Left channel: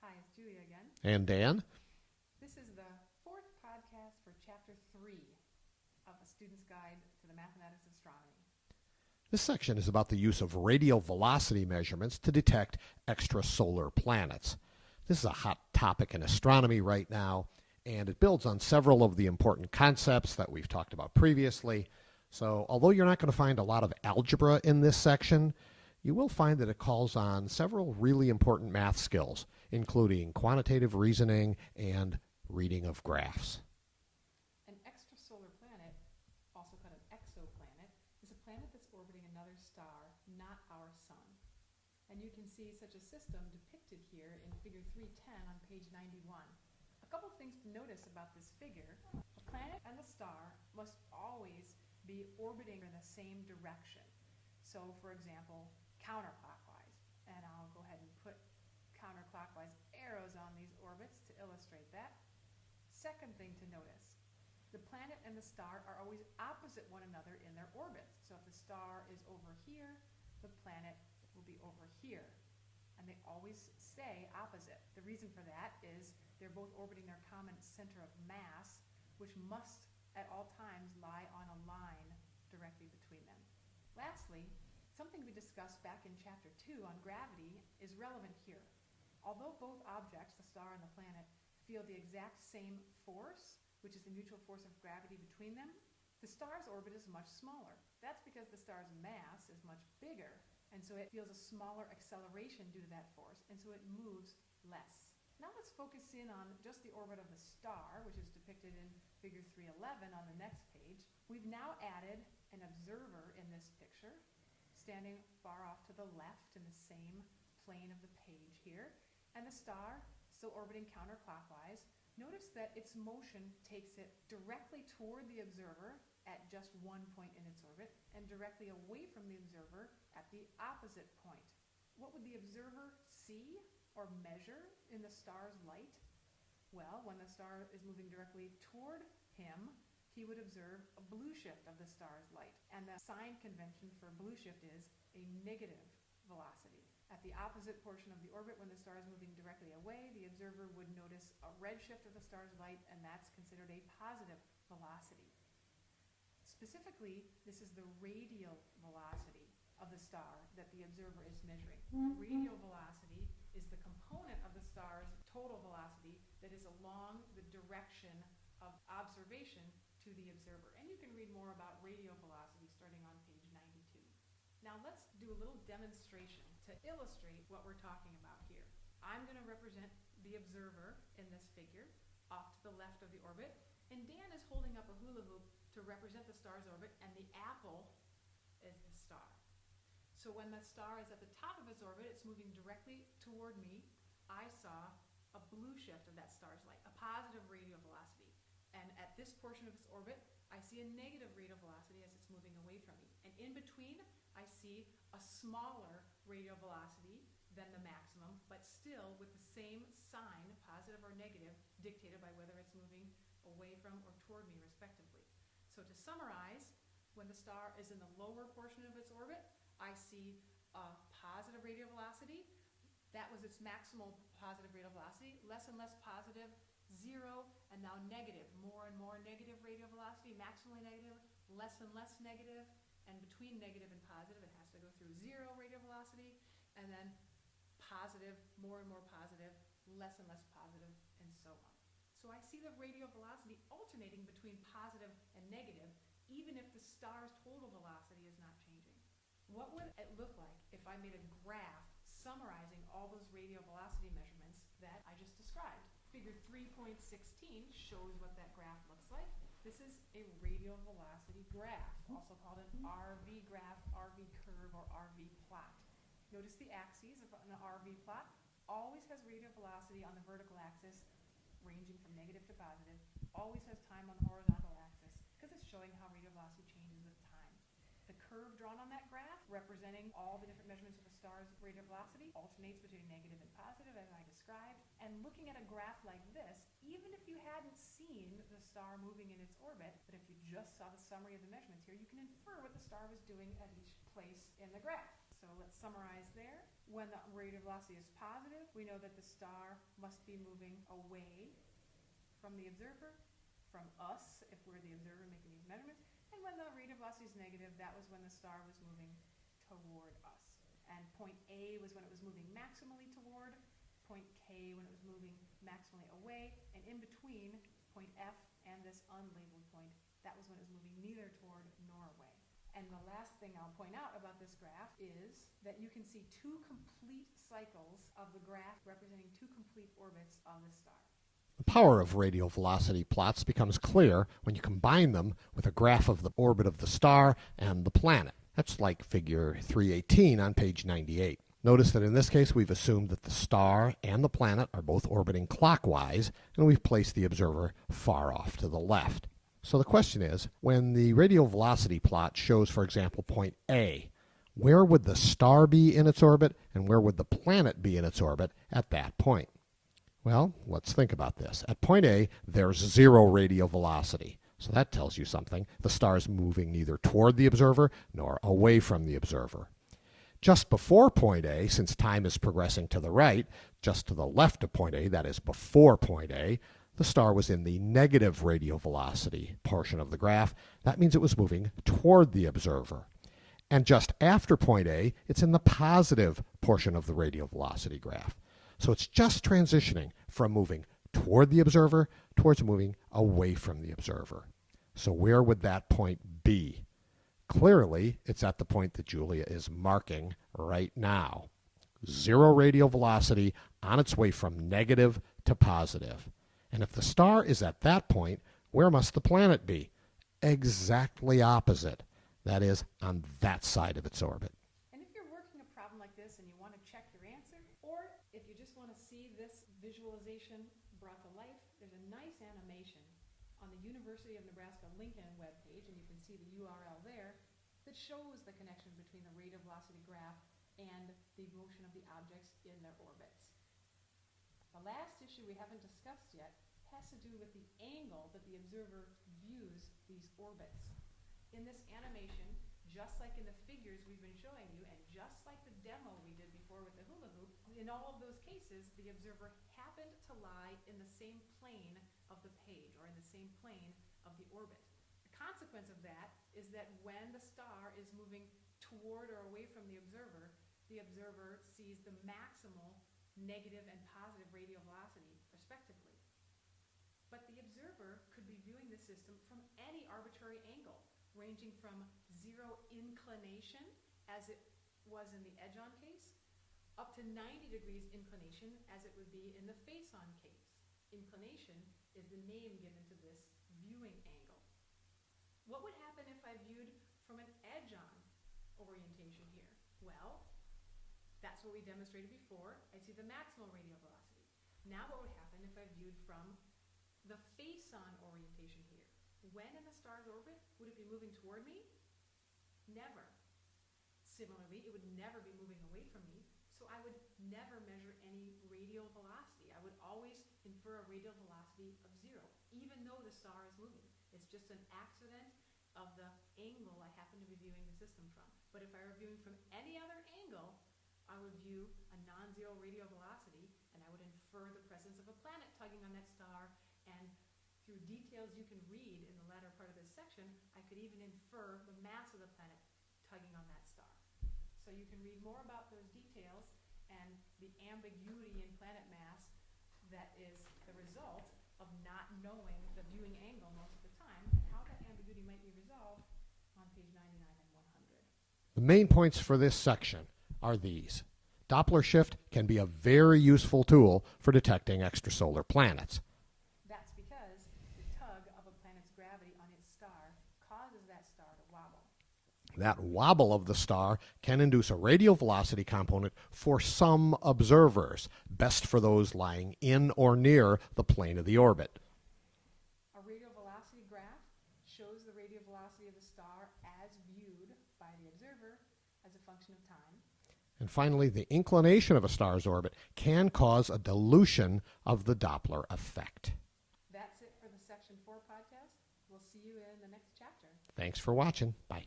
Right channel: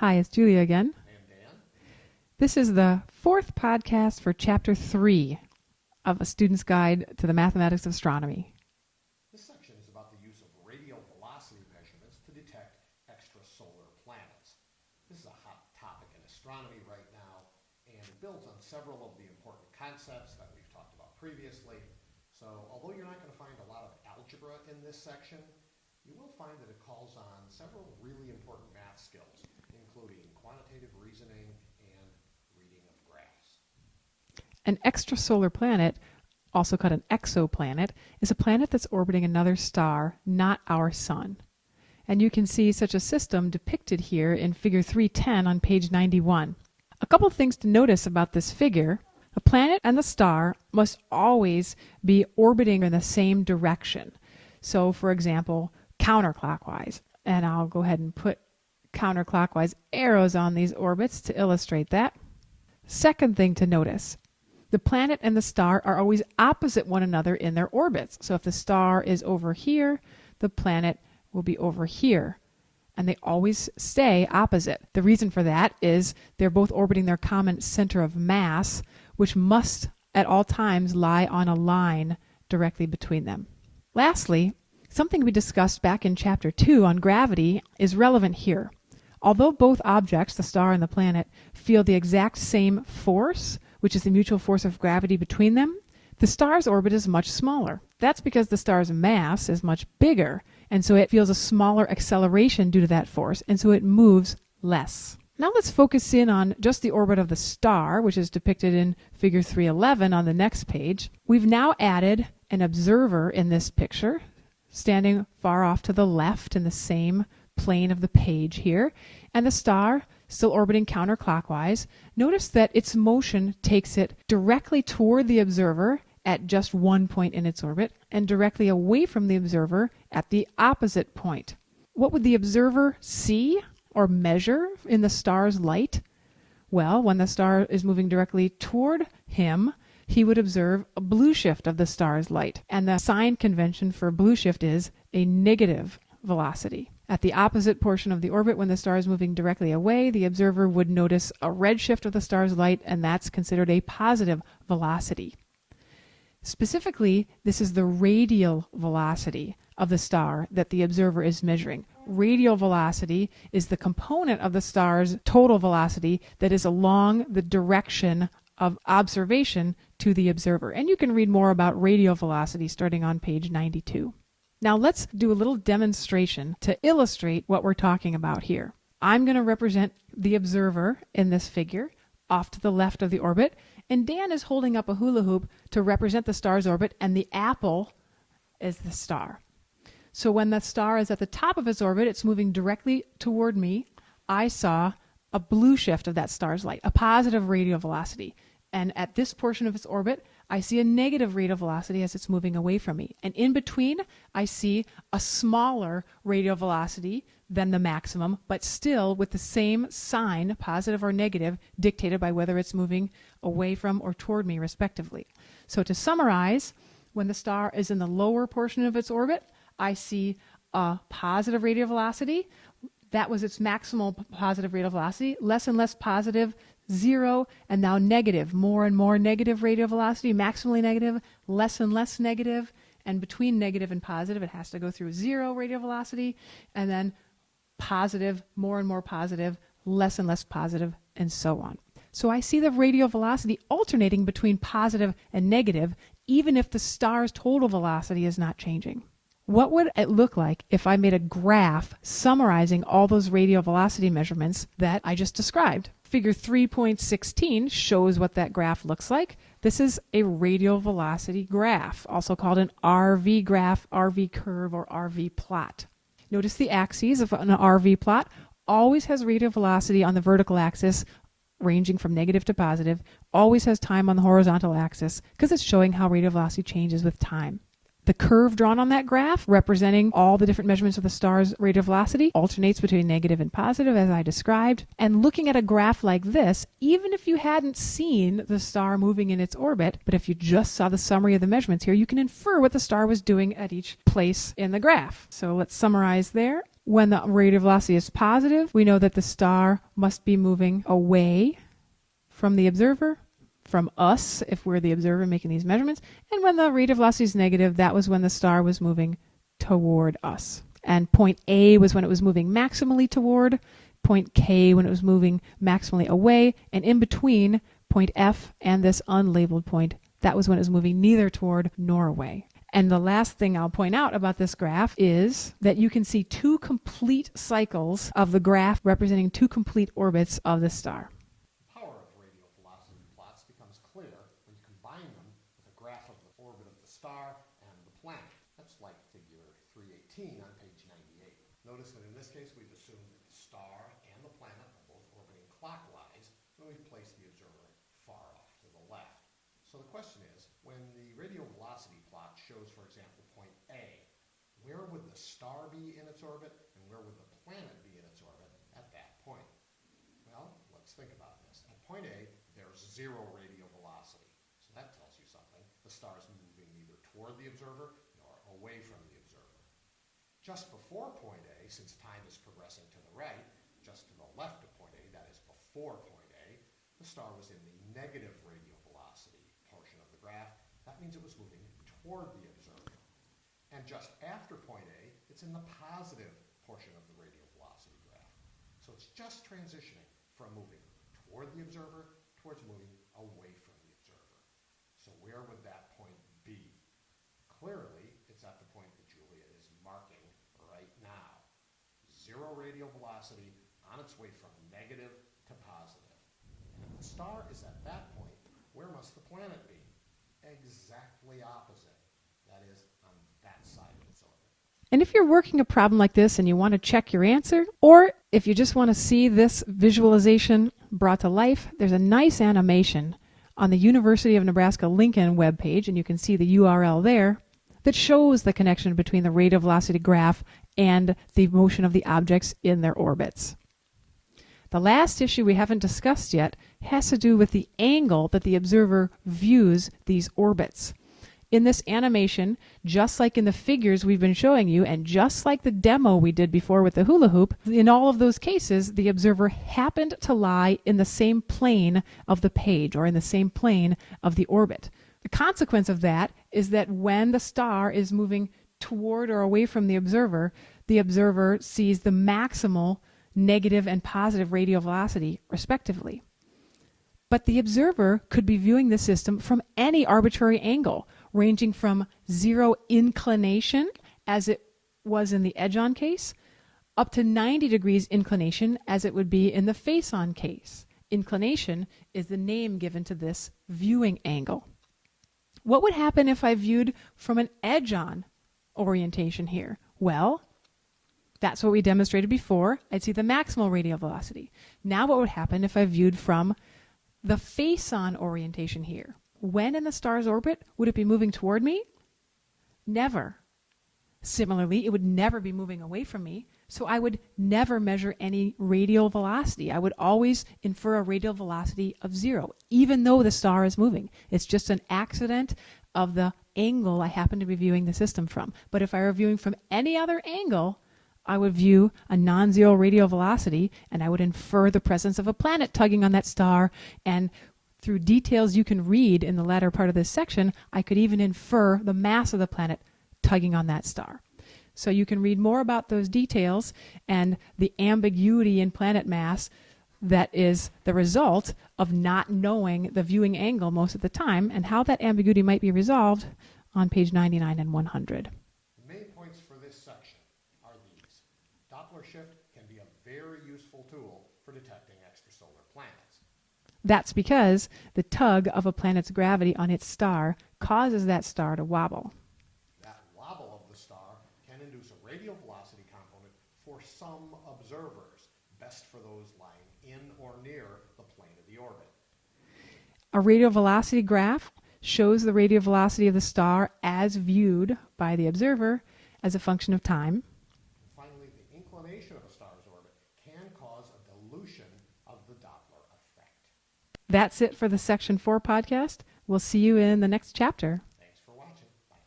Hi, it's Julia again. And Dan. This is the fourth podcast for Chapter 3 of A Student's Guide to the Mathematics of Astronomy. This section is about the use of radial velocity measurements to detect extrasolar planets. This is a hot topic in astronomy right now, and it builds on several of the important concepts that we've talked about previously. So although you're not going to find a lot of algebra in this section, you will find that it calls on several really important math skills, including quantitative reasoning and reading of graphs. An extrasolar planet, also called an exoplanet, is a planet that's orbiting another star, not our sun. And you can see such a system depicted here in figure 310 on page 91. A couple of things to notice about this figure. The planet and the star must always be orbiting in the same direction. So, for example, counterclockwise. And I'll go ahead and put counterclockwise arrows on these orbits to illustrate that. Second thing to notice, the planet and the star are always opposite one another in their orbits. So if the star is over here, the planet will be over here. And they always stay opposite. The reason for that is they're both orbiting their common center of mass, which must at all times lie on a line directly between them. Lastly, something we discussed back in Chapter 2 on gravity is relevant here. Although both objects, the star and the planet, feel the exact same force, which is the mutual force of gravity between them, the star's orbit is much smaller. That's because the star's mass is much bigger, and so it feels a smaller acceleration due to that force, and so it moves less. Now let's focus in on just the orbit of the star, which is depicted in figure 311 on the next page. We've now added an observer in this picture, standing far off to the left in the same plane of the page here, and the star still orbiting counterclockwise. Notice that its motion takes it directly toward the observer at just one point in its orbit and directly away from the observer at the opposite point. What would the observer see or measure in the star's light? Well, when the star is moving directly toward him, he would observe a blue shift of the star's light. And the sign convention for blue shift is a negative velocity. At the opposite portion of the orbit, when the star is moving directly away, the observer would notice a red shift of the star's light, and that's considered a positive velocity. Specifically, this is the radial velocity of the star that the observer is measuring. Radial velocity is the component of the star's total velocity that is along the direction of observation to the observer. And you can read more about radial velocity starting on page 92. Now let's do a little demonstration to illustrate what we're talking about here. I'm going to represent the observer in this figure off to the left of the orbit, and Dan is holding up a hula hoop to represent the star's orbit, and the apple is the star. So when the star is at the top of its orbit, it's moving directly toward me. I saw a blue shift of that star's light, a positive radial velocity. And at this portion of its orbit, I see a negative radial velocity as it's moving away from me. And in between, I see a smaller radial velocity than the maximum, but still with the same sign, positive or negative, dictated by whether it's moving away from or toward me, respectively. So to summarize, when the star is in the lower portion of its orbit, I see a positive radial velocity. That was its maximal positive radial velocity. Less and less positive, 0, and now negative, more and more negative radial velocity, maximally negative, less and less negative, and between negative and positive, it has to go through 0 radial velocity, and then positive, more and more positive, less and less positive, and so on. So I see the radial velocity alternating between positive and negative, even if the star's total velocity is not changing. What would it look like if I made a graph summarizing all those radial velocity measurements that I just described? Figure 3.16 shows what that graph looks like. This is a radial velocity graph, also called an RV graph, RV curve, or RV plot. Notice the axes of an RV plot always has radial velocity on the vertical axis, ranging from negative to positive, always has time on the horizontal axis, because it's showing how radial velocity changes with time. The curve drawn on that graph, representing all the different measurements of the star's radial velocity, alternates between negative and positive, as I described. And looking at a graph like this, even if you hadn't seen the star moving in its orbit, but if you just saw the summary of the measurements here, you can infer what the star was doing at each place in the graph. So let's summarize there. When the radial velocity is positive, we know that the star must be moving away from the observer, from us, if we're the observer making these measurements. And when the radial velocity is negative, that was when the star was moving toward us. And point A was when it was moving maximally toward, point K when it was moving maximally away, and in between point F and this unlabeled point, that was when it was moving neither toward nor away. And the last thing I'll point out about this graph is that you can see two complete cycles of the graph representing two complete orbits of the star. The power of radial velocity plots becomes clear when you combine them with a graph of the orbit of the star and the planet. That's like figure 318 on page 98. Notice that in this case we've assumed that the star and the planet are both orbiting clockwise, and we've placed the observer far off to the left. So the question is, when the radial velocity plot shows, for example, point A, where would the star be in its orbit and where would the planet be in its orbit at that point? Well, let's think about this. At point A, there's 0 radial velocity. So that tells you something. The star is moving neither toward the observer nor away from the observer. Just before point A, since time is progressing to the right, just to the left of point A, that is before point A, the star was in the negative radial velocity portion of the graph. That means it was moving toward the observer. And just after point A, it's in the positive portion of the radial velocity graph. So it's just transitioning from moving toward the observer towards moving away from the observer. So where would that point be? Clearly, it's at the point that Julia is marking right now. 0 radial velocity on its way from negative to positive. And if the star is at that point, where must the planet be? Exactly opposite. That is, on that side of its orbit. And if you're working a problem like this and you want to check your answer, or if you just want to see this visualization brought to life, there's a nice animation on the University of Nebraska-Lincoln webpage, and you can see the URL there, that shows the connection between the radial velocity graph and the motion of the objects in their orbits. The last issue we haven't discussed yet has to do with the angle that the observer views these orbits. In this animation, just like in the figures we've been showing you, and just like the demo we did before with the hula hoop, in all of those cases, the observer happened to lie in the same plane of the page, or in the same plane of the orbit. The consequence of that is that when the star is moving toward or away from the observer sees the maximal negative and positive radial velocity, respectively. But the observer could be viewing the system from any arbitrary angle, ranging from 0 inclination, as it was in the edge-on case, up to 90 degrees inclination, as it would be in the face-on case. Inclination is the name given to this viewing angle. What would happen if I viewed from an edge-on orientation here? Well, that's what we demonstrated before. I'd see the maximal radial velocity. Now what would happen if I viewed from the face-on orientation here? When in the star's orbit would it be moving toward me? Never. Similarly, it would never be moving away from me, so I would never measure any radial velocity. I would always infer a radial velocity of 0, even though the star is moving. It's just an accident of the angle I happen to be viewing the system from. But if I were viewing from any other angle, I would view a non-zero radial velocity, and I would infer the presence of a planet tugging on that star, and through details you can read in the latter part of this section, I could even infer the mass of the planet tugging on that star. So you can read more about those details and the ambiguity in planet mass that is the result of not knowing the viewing angle most of the time, and how that ambiguity might be resolved on page 99 and 100. The main points for this section are these. Doppler shift can be a very useful tool for detecting extrasolar planets. That's because the tug of a planet's gravity on its star causes that star to wobble. That wobble of the star can induce a radial velocity component for some observers, best for those lying in or near the plane of the orbit. A radial velocity graph shows the radial velocity of the star as viewed by the observer as a function of time. And finally, the inclination of a star's orbit can cause a dilution of the Doppler effect. That's it for the Section 4 podcast. We'll see you in the next chapter. Thanks for watching. Bye.